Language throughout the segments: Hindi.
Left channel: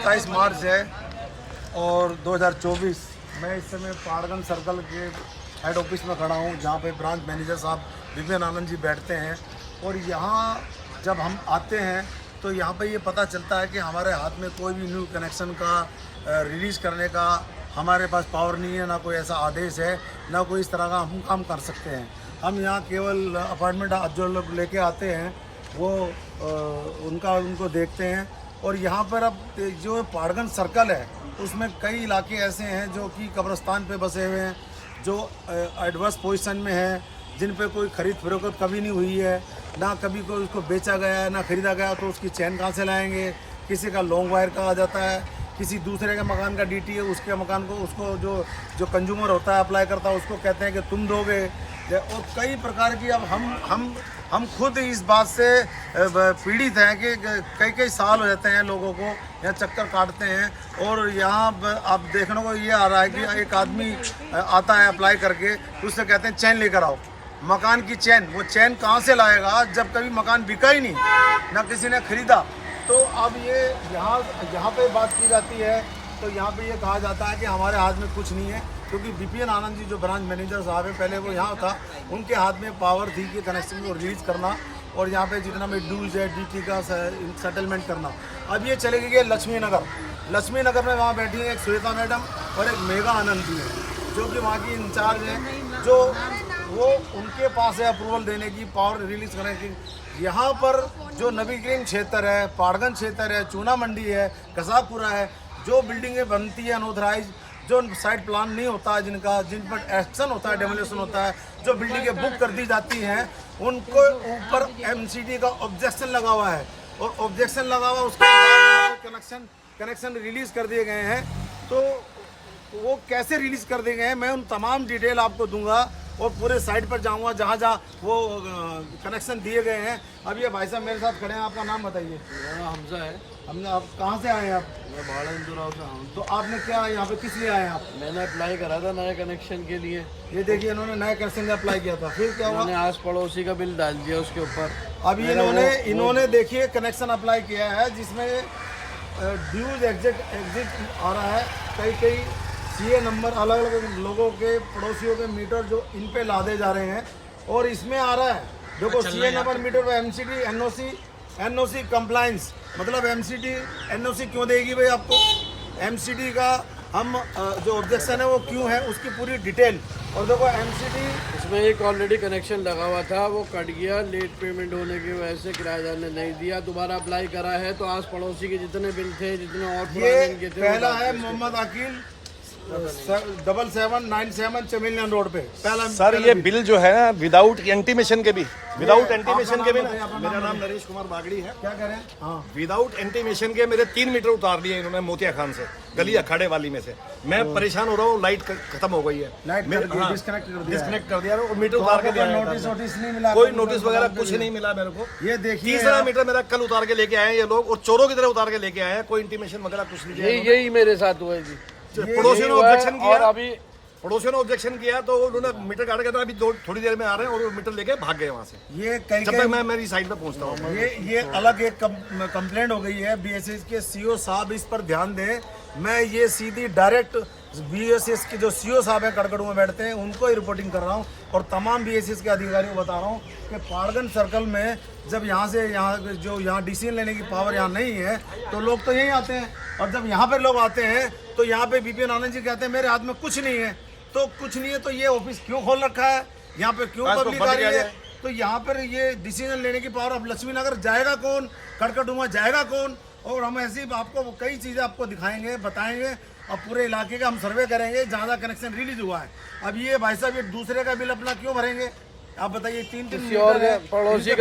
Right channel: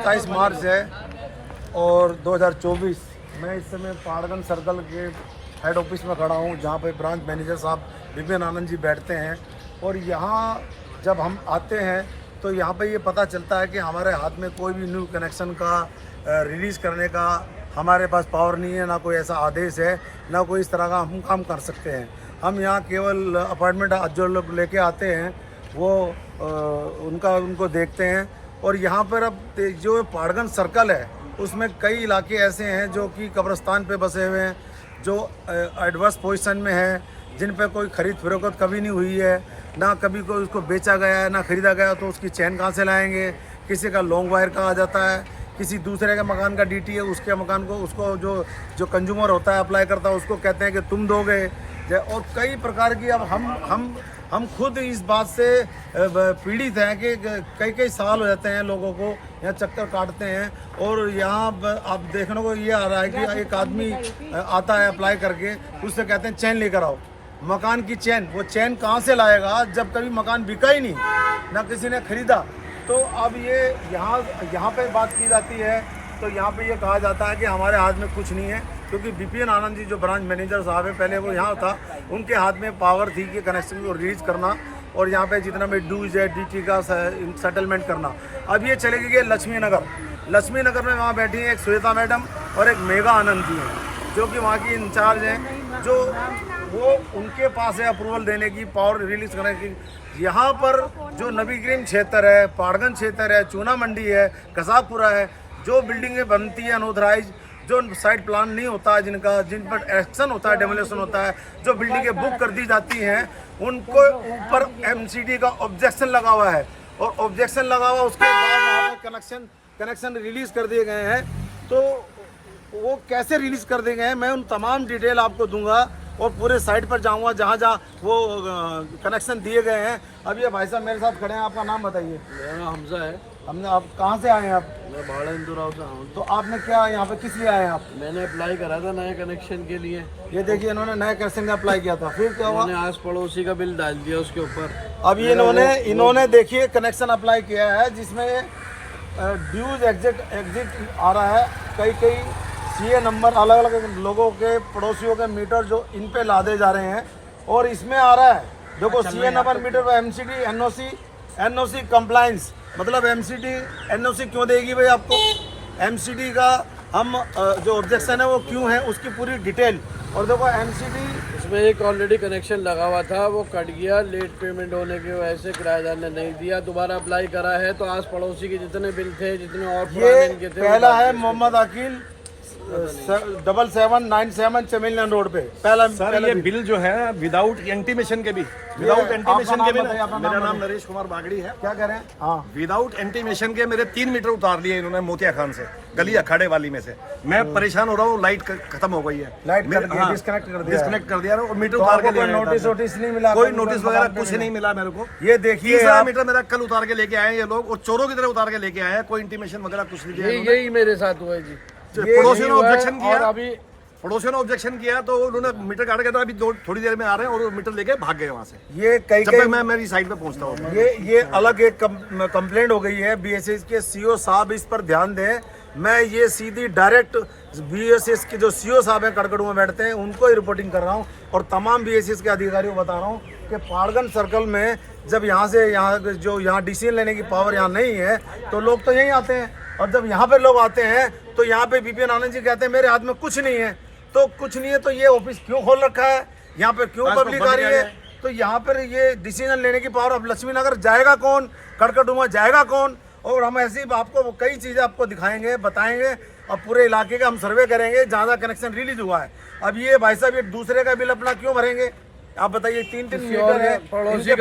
27 मार्च है और 2024। मैं इस समय पहाड़गंज सर्कल के हेड ऑफिस में खड़ा हूँ, जहाँ पे ब्रांच मैनेजर साहब विपिन आनंद जी बैठते हैं। और यहाँ जब हम आते हैं तो यहाँ पे ये पता चलता है कि हमारे हाथ में कोई भी न्यू कनेक्शन का रिलीज़ करने का हमारे पास पावर नहीं है, ना कोई ऐसा आदेश है, ना कोई इस तरह का हम काम कर सकते हैं। हम यहाँ केवल अपॉइंटमेंट जो लोग लेके आते हैं वो उनको देखते हैं। और यहाँ पर अब जो पहाड़गंज सर्कल है उसमें कई इलाके ऐसे हैं जो कि कब्रिस्तान पे बसे हुए हैं, जो एडवर्स पोजीशन में हैं, जिन पे कोई खरीद फरोख्त कभी नहीं हुई है, ना कभी कोई उसको बेचा गया है, ना खरीदा गया। तो उसकी चैन कहाँ से लाएंगे? किसी का लॉन्ग वायर का आ जाता है, किसी दूसरे के मकान का डीटी है, उसके मकान को उसको जो कंज्यूमर होता है अप्लाई करता है उसको कहते हैं कि तुम दोगे। और कई प्रकार की अब हम खुद इस बात से पीड़ित हैं कि कई साल हो जाते हैं लोगों को यहाँ चक्कर काटते हैं। और यहाँ आप देखने को ये आ रहा है कि एक आदमी आता है अप्लाई करके, उससे कहते हैं चैन लेकर आओ, मकान की चैन। वो चैन कहाँ से लाएगा जब कभी मकान बिका ही नहीं, ना किसी ने खरीदा। तो अब ये यहाँ पे बात की जाती है तो यहाँ पे ये कहा जाता है कि हमारे हाथ में कुछ नहीं है, क्योंकि विपिन आनंद जी जो ब्रांच मैनेजर साहब है, पहले वो यहाँ था, उनके हाथ में पावर थी कि कनेक्शन को रिलीज करना और यहाँ पे जितना भी ड्यूज है डीटी का सेटलमेंट करना। अब ये चले गए लक्ष्मी नगर में, वहाँ बैठी हैं एक श्वेता मैडम और एक मेघा आनंद जी हैं, जो कि वहाँ की इंचार्ज हैं, जो वो उनके पास है अप्रूवल देने की, पावर रिलीज करने की। यहाँ पर जो नबीग्रीन क्षेत्र है, पहाड़गंज क्षेत्र है, चूना मंडी है, कसाबपुरा है, जो बिल्डिंगें बनती है अनऑथराइज, जो साइट प्लान नहीं होता है, जिन पर एक्शन होता है, डेमोलेशन होता है, जो बिल्डिंगें बुक कर दी जाती हैं, उनको ऊपर एमसीडी का ऑब्जेक्शन लगा हुआ है। और ऑब्जेक्शन लगा हुआ उसके बाद वहाँ पर कनेक्शन रिलीज कर दिए गए हैं। तो वो कैसे रिलीज कर दिए गए हैं मैं उन तमाम डिटेल आपको दूंगा और पूरे साइट पर जाऊंगा जहाँ वो कनेक्शन दिए गए हैं। अब ये भाई साहब मेरे साथ खड़े हैं, आपका नाम बताइए। मेरा नाम हमजा है। आप कहाँ से आए हैं? आप? मैं भाड़ा इंदौर से हूँ। तो आपने क्या यहाँ पे किस लिए आए हैं आप? मैंने अप्लाई करा था नए कनेक्शन के लिए। ये देखिए इन्होंने नए कनेक्शन का अप्लाई किया था, फिर क्या हुआ? मैंने आस पड़ोसी का बिल डाल दिया उसके ऊपर। अब ये इन्होंने देखिए कनेक्शन अप्लाई किया है जिसमें ड्यूज एग्जिट आ रहा है, कई सीए नंबर अलग अलग लोगों के पड़ोसियों के मीटर जो इन पे लादे जा रहे हैं। और इसमें आ रहा है देखो सीए नंबर मीटर पर एमसीडी एनओसी कंप्लायंस, मतलब एमसीडी एनओसी क्यों देगी भाई आपको? एमसीडी का हम जो ऑब्जेक्शन है वो क्यों है, उसकी पूरी डिटेल। और देखो एमसीडी इसमें एक ऑलरेडी कनेक्शन लगा हुआ था, वो कट गया लेट पेमेंट होने की वजह से, किराएदार ने नहीं दिया। दोबारा अप्लाई करा है तो आस पड़ोसी के जितने बिल थे, जितने और ये इनके थे, पहला है मोहम्मद अकील 7797 चमेलियन रोड पे। सर ये बिल जो है ना विदाउट इंटीमेशन के भी मेरा नाम नरेश कुमार बागड़ी है। क्या कह रहे हैं? हाँ, विदाउट इंटीमेशन के मेरे 3 मीटर उतार लिए इन्होंने मोतिया खान से, गली अखाड़े वाली में से। मैं परेशान हो रहा हूँ, लाइट खत्म हो गई है, डिस्कनेक्ट कर दिया और मीटर उतार के ले आया। नोटिस नहीं मिला? कोई नोटिस वगैरह कुछ नहीं मिला मेरे को। ये देखिए तीसरा मीटर मेरा कल उतार के लेके आए ये लोग, और चोरों की तरह उतार के लेके आए हैं। कोई इंटीमेशन वगैरह कुछ नहीं दिया। यही मेरे साथ हुआ है जी। पड़ोसियों ने ऑब्जेक्शन किया, और अभी पड़ोसियों ने ऑब्जेक्शन किया तो उन्होंने मीटर काट के, तो अभी थोड़ी देर में आ रहे हैं और वो मीटर लेके भाग गए वहां से। ये कई जब तक मैं मेरी साइड पे पहुंचता हूँ। ये अलग एक कंप्लेंट हो गई है। बीएसएस के सीओ साहब इस पर ध्यान दें। मैं ये सीधी डायरेक्ट बीएसएस के जो सीओ साहब हैं कड़कड़ू में बैठते हैं उनको ही रिपोर्टिंग कर रहा हूँ और तमाम बीएसएस के अधिकारियों को बता रहा हूँ कि पहाड़गंज सर्कल में जब यहाँ डिसीजन लेने की पावर यहाँ नहीं है तो लोग तो यहीं आते हैं। और जब यहाँ पे लोग आते हैं तो यहाँ पे विपिन आनंद जी कहते हैं मेरे हाथ में कुछ नहीं है। तो कुछ नहीं है तो ये ऑफिस क्यों खोल रखा है? यहाँ पे क्यों पब्लिक आ रही है? तो यहाँ पर ये डिसीजन लेने की पावर अब लक्ष्मी नगर जाएगा कौन, कड़कड़डूमा जाएगा कौन? और हम ऐसी आपको कई चीज़ें आपको दिखाएंगे, बताएंगे और पूरे इलाके का हम सर्वे करेंगे जहाँ कनेक्शन रिलीज हुआ है। अब ये भाई साहब ये दूसरे का बिल अपना क्यों भरेंगे? आप बताइए। 3 मीटर है पड़ोसी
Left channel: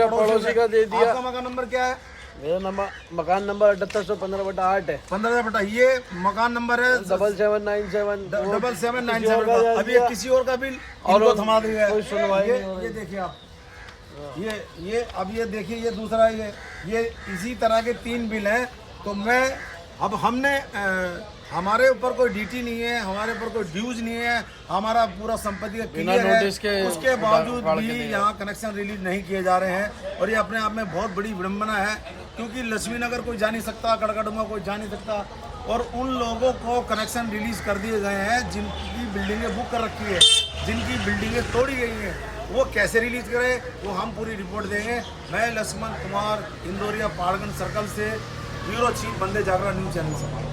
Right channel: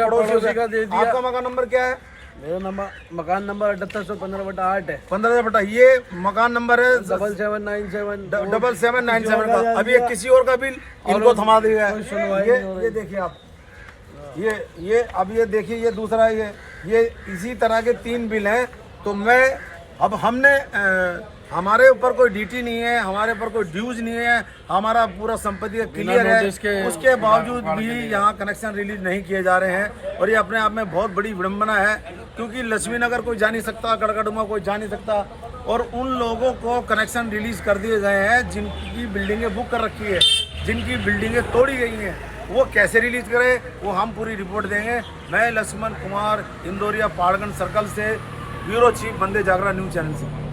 का दे दिया। आपका मकान नंबर क्या है? मेरा मकान नंबर 7815/8 है। 15 ये मकान नंबर है 7797 का। अभी ये किसी और का बिल इनको थमा दिया है। ये देखिए आप, ये अब ये देखिए ये दूसरा ये इसी तरह के 3 बिल हैं। तो अब हमने हमारे ऊपर कोई डीटी नहीं है, हमारे ऊपर कोई ड्यूज नहीं है, हमारा पूरा संपत्ति क्लियर है, उसके बावजूद भी यहाँ कनेक्शन रिलीज नहीं किए जा रहे हैं। और ये अपने आप में बहुत बड़ी विडंबना है, क्योंकि लक्ष्मी नगर कोई जा नहीं सकता, कड़कड़डूमा कोई जा नहीं सकता। और उन लोगों को कनेक्शन रिलीज कर दिए गए हैं जिनकी बिल्डिंगें बुक कर रखी है, जिनकी बिल्डिंगें तोड़ी गई हैं। वो कैसे रिलीज करे वो हम पूरी रिपोर्ट देंगे। मैं लक्ष्मण कुमार, इंदौरिया, पहाड़गंज सर्कल से, ब्यूरो चीफ, वंदे जागरण न्यूज चैनल से।